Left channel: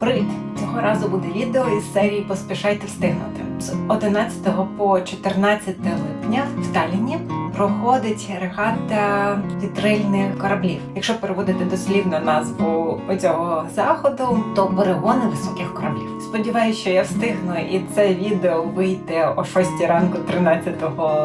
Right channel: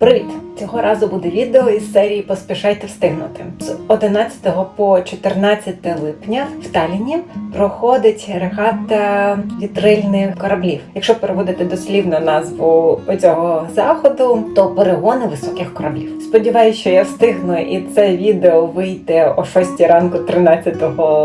Привіт! Цього разу буде відео із серії Поспішайте встигнути. З 11 по 14 липня в Таліні проходить регата вітрильних кораблів. Якщо переводити дослівно назву цього заходу, то перегони високих кораблів. Сподіваюсь, що я встигну, і це відео вийде о 6 ранку 13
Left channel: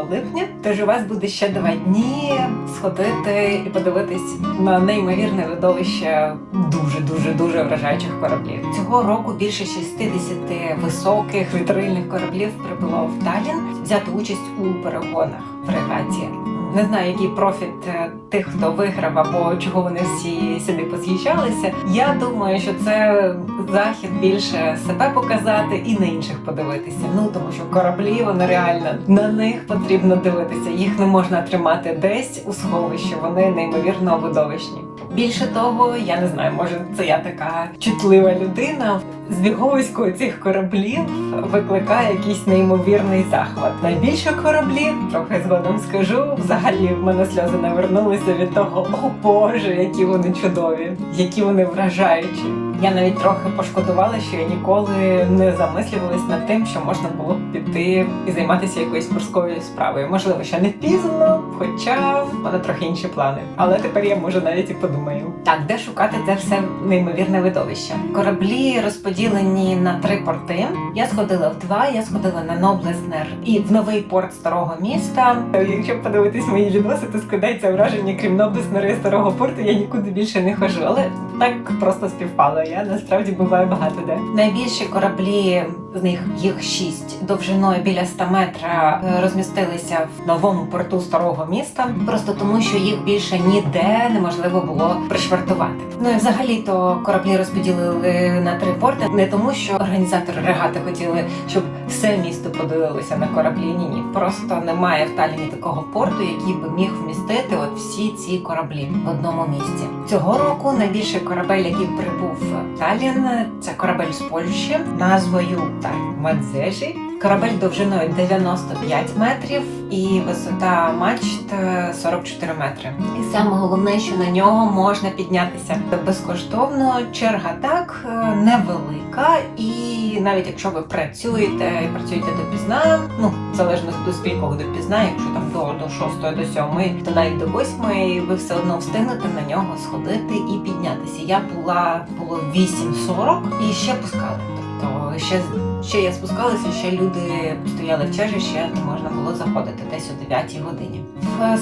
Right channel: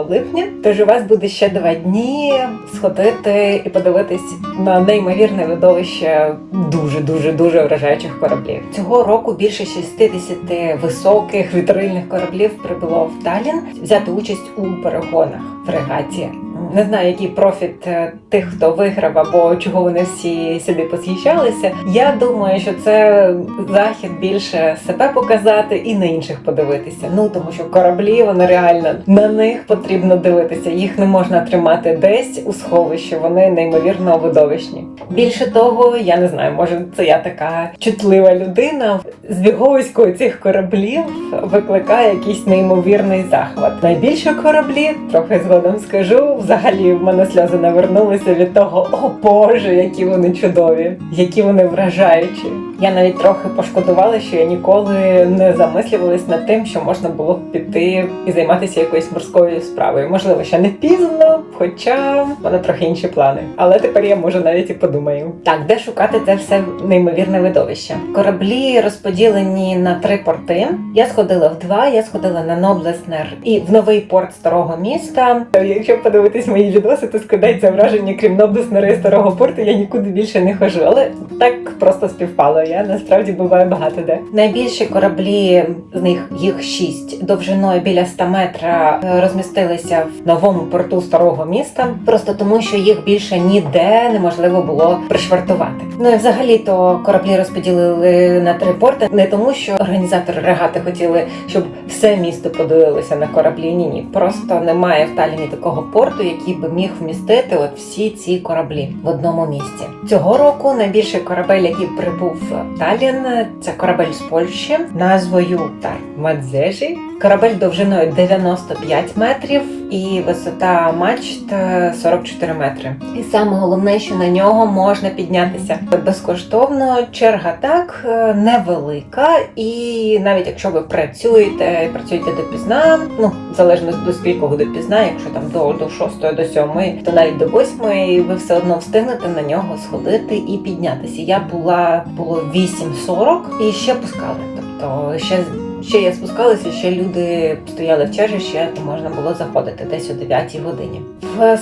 липня. Тож у вас буде ще два дні сходити і подивитись на неймовірне видовище дуже дуже дуже вражаючих кораблів. Цього року більше 60 високих вітрильних кораблів прибуло в Талін взяти участь у перегонах в регаті. Не знаю, який профіт е, тих, хто виграв, або чого вони всі сюди посхищалися. Я думаю, що це захід більше себе показати і на інших подивитися. Ну тому що кораблі вони реально на них потрібно дивитися. Їх не можна тримати десь у сховищі. Вони неймовірно видовищні. Більше того, я не знаю, може це я така чутлива людина. Збіговисько цих кораблів викликає якийсь неймовірний захват. Найбільше кораблі, трохи згодом скажу, взагалі в мене сльози навернулися від того, о Боже, які вони чудові, які вони вражаючі. Я навіть трохи пошкодувала, що я ніколи не замислювалась над тим, що можна було б піти і займатися якоюсь морською справою. Можливо, ще не пізно, хоча в мене трохи інші плани. Але тепер я може навіть і подумаю. Так, де шукати це все неймовірне видовище? Кораблі розподілені на три порти. Я сходила в два. Я сходила на Ноблеснер і в новий порт старого міста. Якщо подивитись мої відоси, то складається враження, крім Ноблеснера і старого порту, я нікуди більше не хожу. Але так просто співпало. Я насправді буваю багато де. Найбільші кораблі з них їх шість довжиною біля 100 метра розмістилися в новому порту старого міста, просто тому, що їх більше ніде неможливо було пришвартувати. Ну і взагалі то кораблі розподілили на три порти, не тому, що організатори регати хотіли, щоб все місто подивилося на кораблі. Ні, ні, просто немає в Таліні такого порту, який би міг вмістити от всі ці кораблі в одному місці. Цього року найбільший корабель, який прибув в Талін, це корабель з Польщі назвою так Мадзежі. Корабель довжиною 95 метрів і висота мачт е, 44 метри. І саме головне, що на нього можна піднятися безкоштовно. Черга так е, невелика, і навіть якщо ви працюєте, і працюєте допізна, ну залежно до скількох допізна, якщо там до, до 6 до 7, то навіть до 8 ви все одно встигнете на нього сходити і піднятися. Я була було 8.40 і ще пускали. Тобто ще ще я спускалася, ще люди стояли в черзі, ще можна було заходити десь о 9 годині.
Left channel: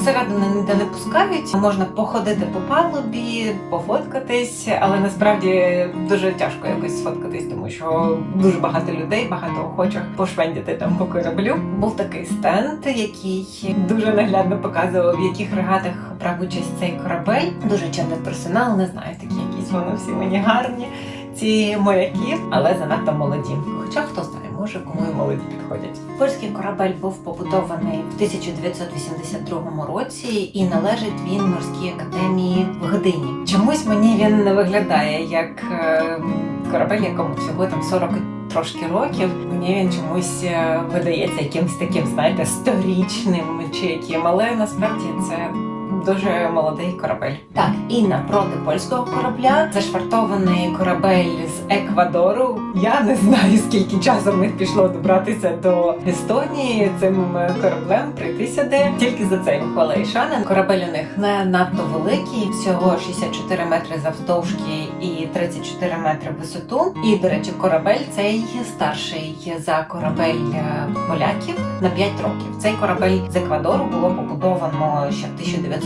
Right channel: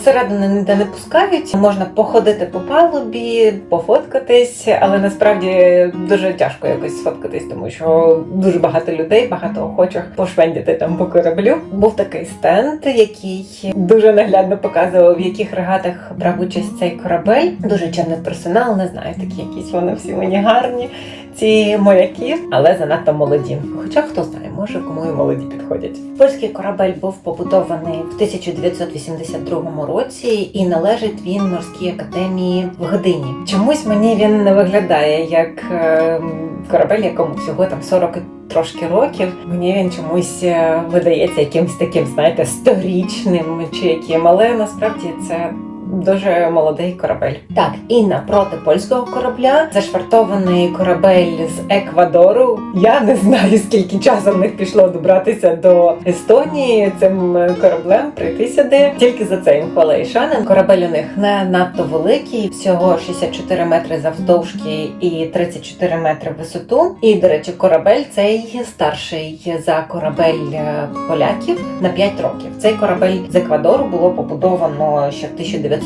Всередину ніде не пускають, можна походити по палубі, пофоткатись, але насправді дуже тяжко якось сфоткатись, тому що дуже багато людей, багато охочих пошвендити там по кораблю. Був такий стенд, який дуже наглядно показував, в яких регатах брав участь цей корабель. Дуже чинний персонал, не знаю, такі якісь вони всі мені гарні. Ці моряки, але занадто молоді. Хоча хто знає, може кому і молоді підходять. Польський корабель був побудований в 1982 році, і належить він морській академії в Гдині. Чомусь мені він не виглядає як е, корабель, якому всього там 40 трошки років. Мені він чомусь е, видається якимось таким, знаєте, сторічним чи яким, але насправді це. Дуже молодий корабель. Так, і напроти польського корабля зашвартований корабель з Еквадору. Я не знаю, скільки часу в них пішло добратися до Естонії цим кораблем прийти сюди. Тільки за це їм хвала. Корабель у них не надто великий, всього 64 метри завдовжки і 34 метри висоту. І, до речі, корабель цей старший за корабель поляків на 5 років. Цей корабель з Еквадору було побудовано ще в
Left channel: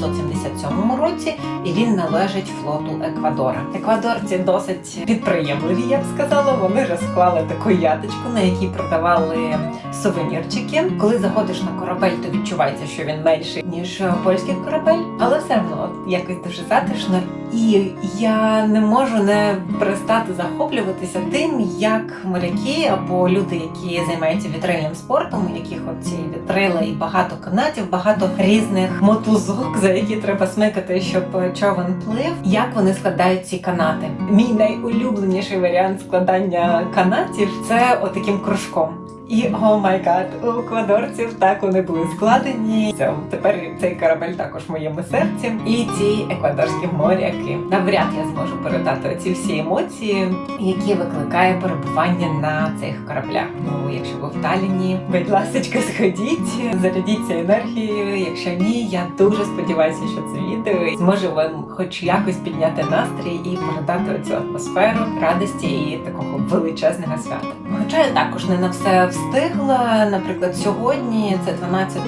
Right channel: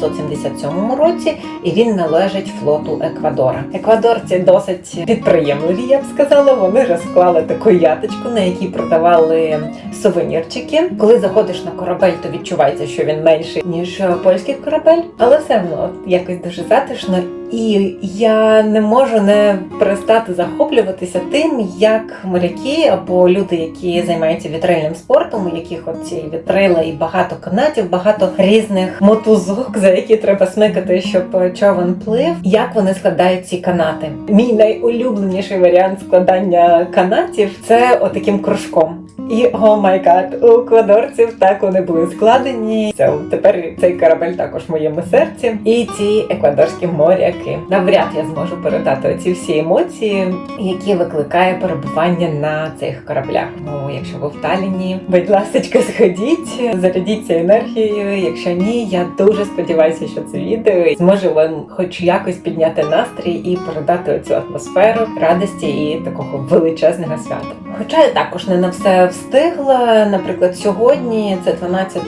1977 році, і він належить флоту Еквадора. Еквадорці досить підприємливі, я б сказала. Вони розклали таку яточку, на якій продавали сувенірчики. Коли заходиш на корабель, то відчувається, що він менший ніж польський корабель, але все одно якось дуже затишно. І я не можу не перестати захоплюватися тим, як моряки або люди, які займаються вітрильним спортом, у яких оці вітрила і багато канатів, багато різних мотузок, за які треба смикати, щоб човен плив. Як вони складають ці канати? Мій найулюбленіший варіант складання канатів це отаким кружком. І о май гад, у еквадорців так вони були складені. Це тепер цей корабель також в моєму серці. І ці еквадорські моряки. Навряд я зможу передати оці всі емоції, які викликає перебування на цих кораблях. Ну, якщо ви в Таліні, будь ласка, сходіть, зарядіться енергією. Якщо ні, я дуже сподіваюся, що це відео зможе вам хоч якось підняти настрій і передати оцю атмосферу радості і такого величезного свята. Хоча я також не на все встигла. Наприклад, сьогодні, це 12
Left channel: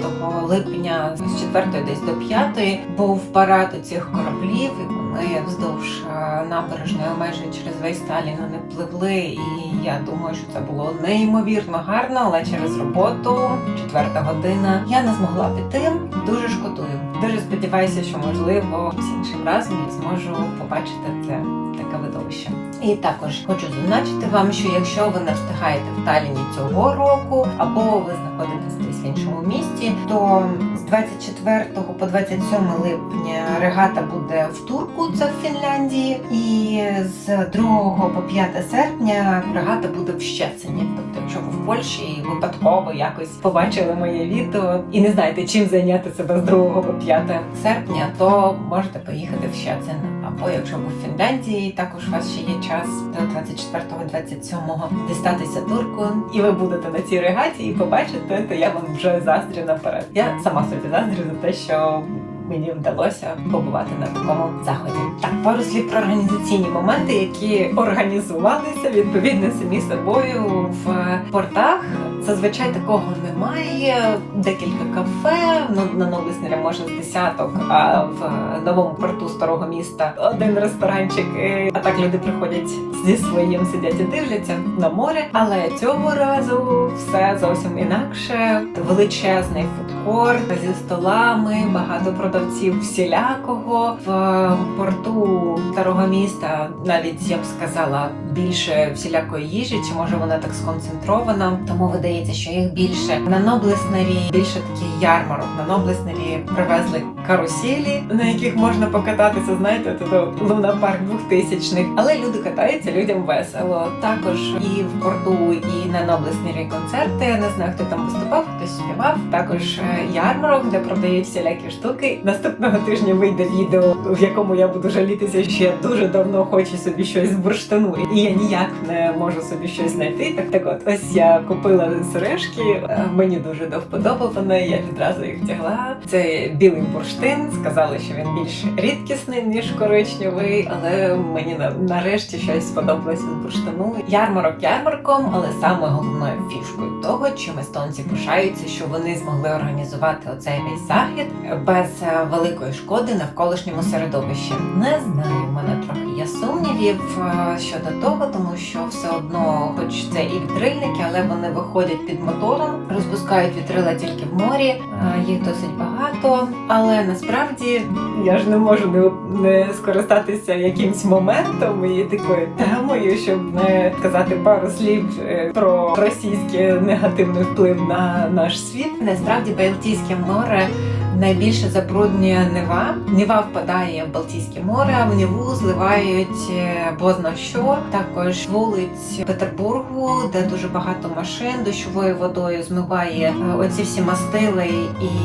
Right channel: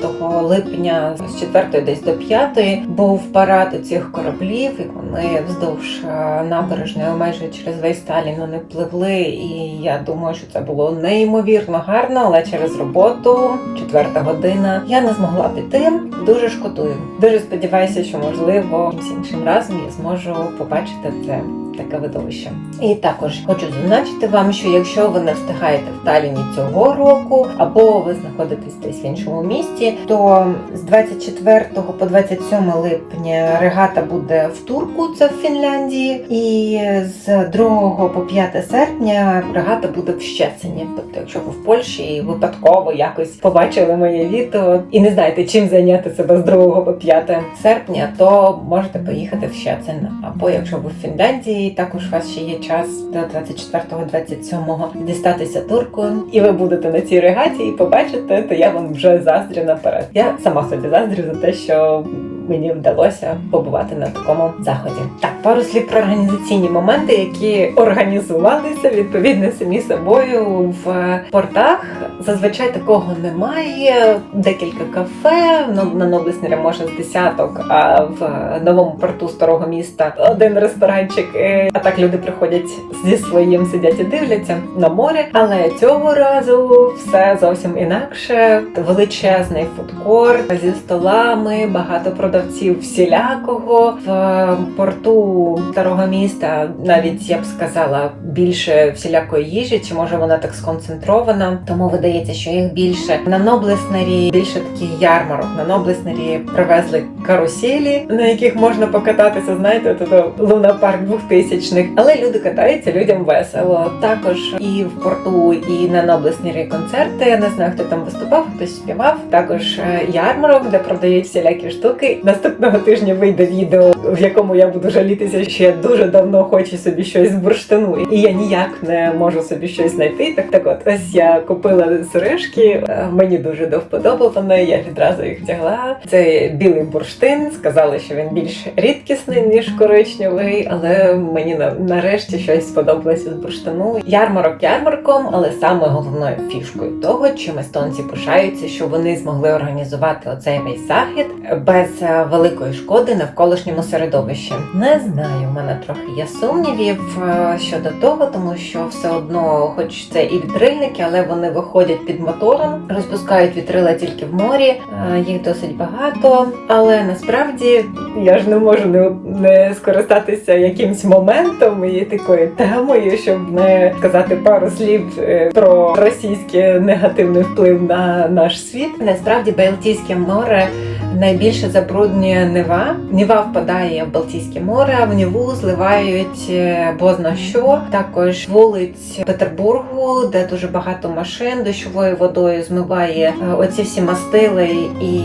липня, з 4 десь до 5, був парад у цих кораблів, і вони вздовж е, набережної майже через весь Сталін вони пливли. І я думаю, що це було неймовірно гарно, але через роботу, четверта година, я не змогла піти. Дуже шкодую. Дуже сподіваюся, що можливо з іншим разом я зможу побачити це таке видовище. І також хочу зазначити вам, що якщо ви не встигаєте в Таліні цього року, або ви знаходитесь десь в іншому місті, то з 24 по 27 липня регата буде в Турку, це в Фінляндії, і з 2 по 5 серпня регата буде в Щецині. Тобто, якщо ви в Польщі і випадково якось побачили моє відео і не знаєте, чим зайняти себе з 2 по 5 серпня, то можете поїхати в Щецин. Або якщо ви в Фінляндії, також у вас ще є час до 24-27 дістатися туркою, і ви будете на цій регаті і побачите, то я вам вже заздрю наперед. Я сама собі заздрю за те, що мені вдалося побувати на такому заході. Так, пару слів про організаційні моменти, які організувалися відповідно самі собою в портах. Зазвичай такого немає. Декілька кафе на Новлеснері може з десяток, а в новому порту старого міста один ресторанчик. Е, А так люди приходять зі своїм сидять і дивляться на море. Але цього разу все зовсім інакше. Величезний фудкорт зі столами, багато продавців всілякого в порту старого міста. Навіть я б сказала більше всілякої їжі, чи може вона так сконцентрована, тому видається, що їх більше на Ноблеснері, більше такий ярмарок. На Ноблеснері привезли каруселі, на яких можна покататися. Знаєте, то луна парк 2000 Але люди катаються, людям весело. Також і в порту, і на Ноблеснері концерти. Я не знаю, хто там виступав, хтось співав. Також е, ярмарок, де продають всілякі штуки. Наступного тижня вийде відео, в якому я буду жалітися, що я дуже давно хочу собі щось з бурштину, і я ніяк не можу собі щось знайти. Так так, от ось я купила сережки. е, Мені дуже до вподоби. Я відразу їх тягла. Це білий бурштин. Сказали, що він більш рідкісний ніж коричневий, але мені нарешті щось сподобалося з бурштину. Ярмарок ярмарком, але саме головною фішкою того, чим естонці пишаються, що вони змогли організувати оцей весь захід без е, великої шкоди навколишньому середовищі. Не знаю, в мене трохи є сумнівів е, щодо того, тому що все одно, хоч це і вітрильники, але вони виходять під мотором, розпускають вітрила тільки в морі. е, Їх досить багато, але насправді я ж не можу не, не скористатися якимсь моментом і такою темою, щоб не сказати пару слів е, про російський негативний вплив на наш світ. Насправді Балтійське море найбільше забруднює Нева. Нева впадає в Балтійське море, в Неву зливають е, бозна що. Також вулиць Петербургу, де дуже багато машин дощовою водою змиває е, оці всі мастили і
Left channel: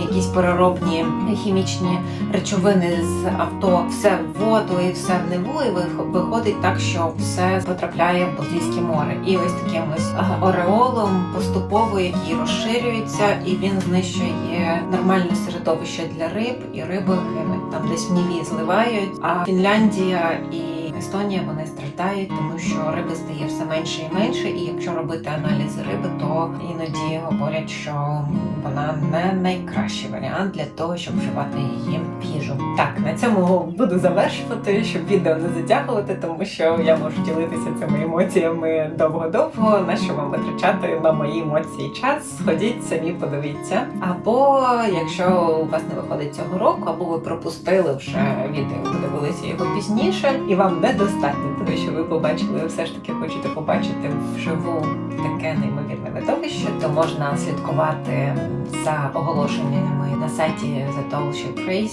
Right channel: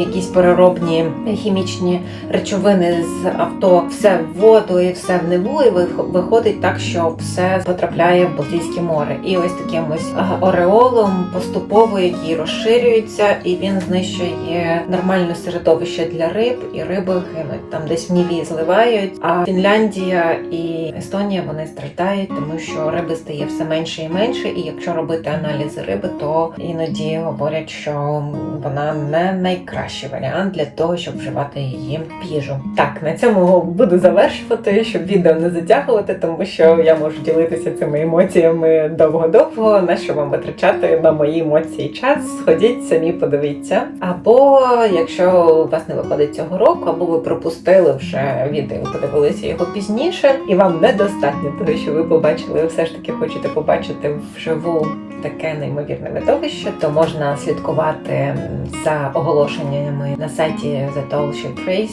якісь переробні хімічні речовини з авто, все в воду і все в Неву, і виходить так, що все потрапляє в Балтійське море. І ось таким ось ореолом поступово, який розширюється, і він знищує нормальне середовище для риб, і риби гинуть там десь в Ніві зливають. А Фінляндія і Естонія вони страждають, тому що риби стає все менше і менше. І якщо робити аналізи риби, то іноді говорять, що вона не найкращий варіант для того, щоб вживати її в їжу. Так, на цьому буду завершувати, щоб відео не затягувати, тому що я можу ділитися цими емоціями довго-довго. На що вам витрачати на мої емоції час? Сходіть самі, подивіться. Або якщо у вас не виходить цього року, або ви пропустили вже відео, подивилися його пізніше, і вам недостатньо того, що ви побачили, ви все ж таки хочете побачити вживу таке неймовірне видовище, то можна слідкувати за оголошеннями на сайті The Tall Ship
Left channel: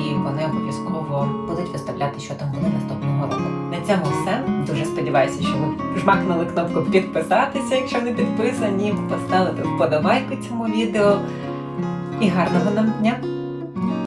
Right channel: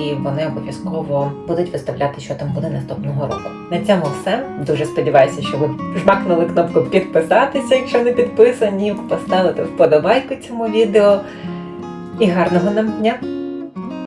і вони обов'язково будуть виставляти, що там буде наступного року. На цьому все. Дуже сподіваюся, що ви жмакнули кнопку підписатися, якщо не підписані, поставити вподобайку цьому відео. І гарного нам дня!